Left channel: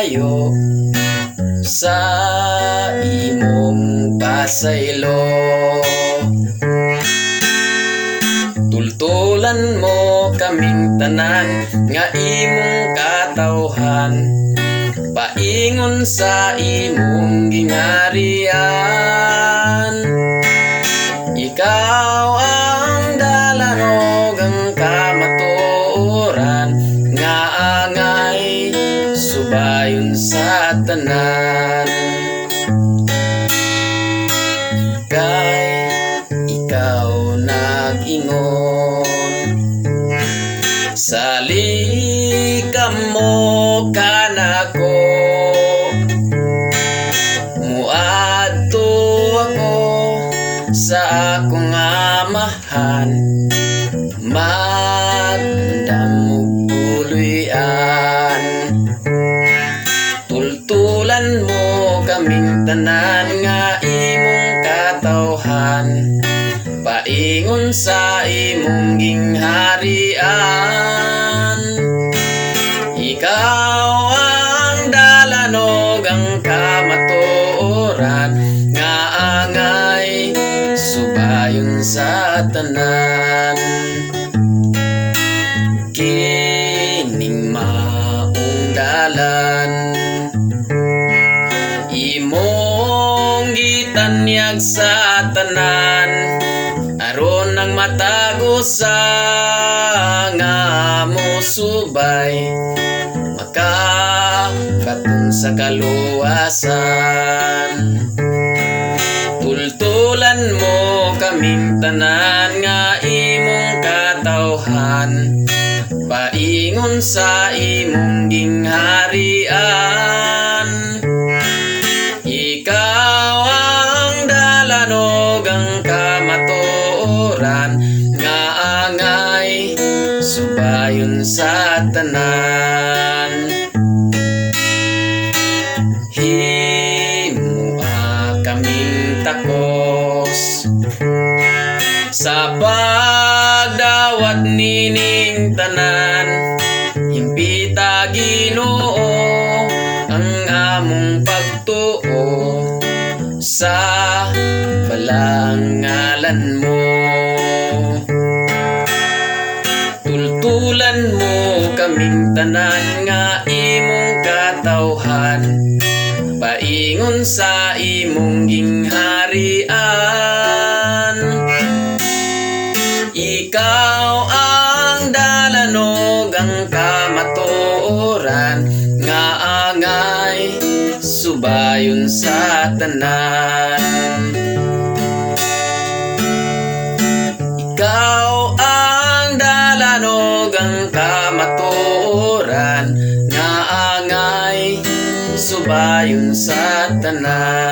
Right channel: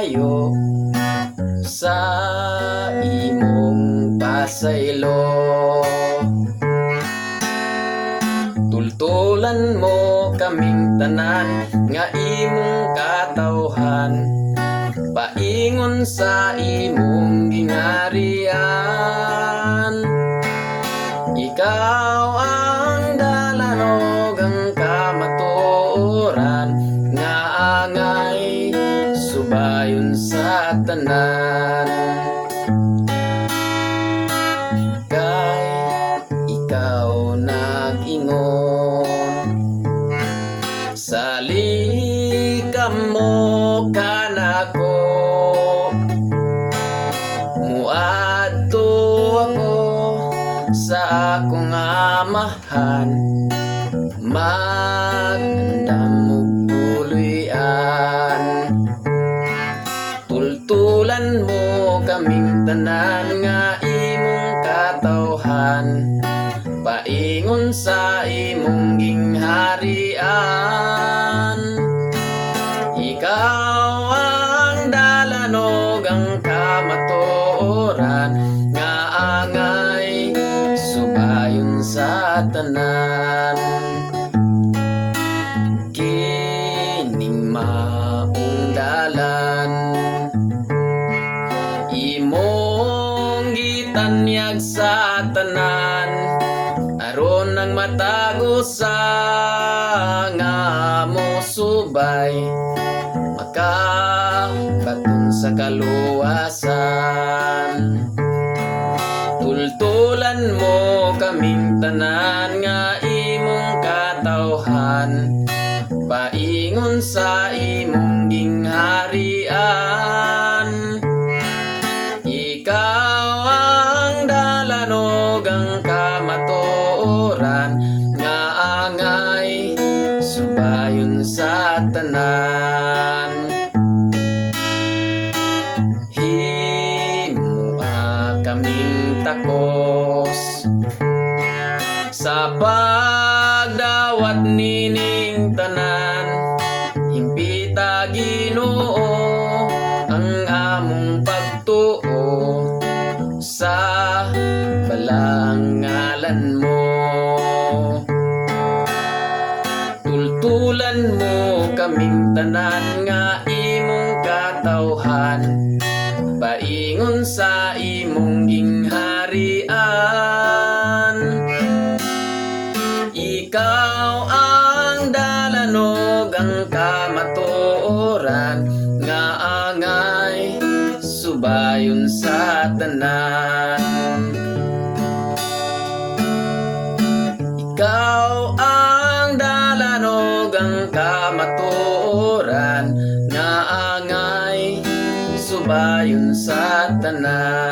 maayo sa imong pasaylo. Tultulan mo kaming tanan nga imong katawhan, paingon sa imong gingharian. Ikaw ang dalanog ang kamatuoran nga angay subayon sa tanan. Kay ikaw nag-ingon sa likam mo kanako, muadto ako sa akong amahan, magdamog tuluyan. Tultulan mo kaming tanan nga imong katawhan, paingon sa imong gingharian. Ikaw ang dalanog ang kamatuoran nga angay subayon sa tanan. Kining maong dalan imong gitanyag sa tanan, aron ang matagusa nga mo subay makakatong sa kaluwasan. Tultulan mo kaming tanan nga imong katawhan, paingon sa imong gingharian. Ikaw ang dalanog ang kamatuoran nga angay subayon sa tanan. Himua kaming takos sa pagdawat nining tanan, himpita Ginoo ang among pagtuo sa balang ngalan mo. Tultulan mo kaming tanan nga imong katawhan, paingon sa imong gingharian. Ikaw ang dalanog ang kamatuoran nga angay subayon sa tanan. Ikaw ang dalanog ang kamatuoran nga angay subayon sa tanan.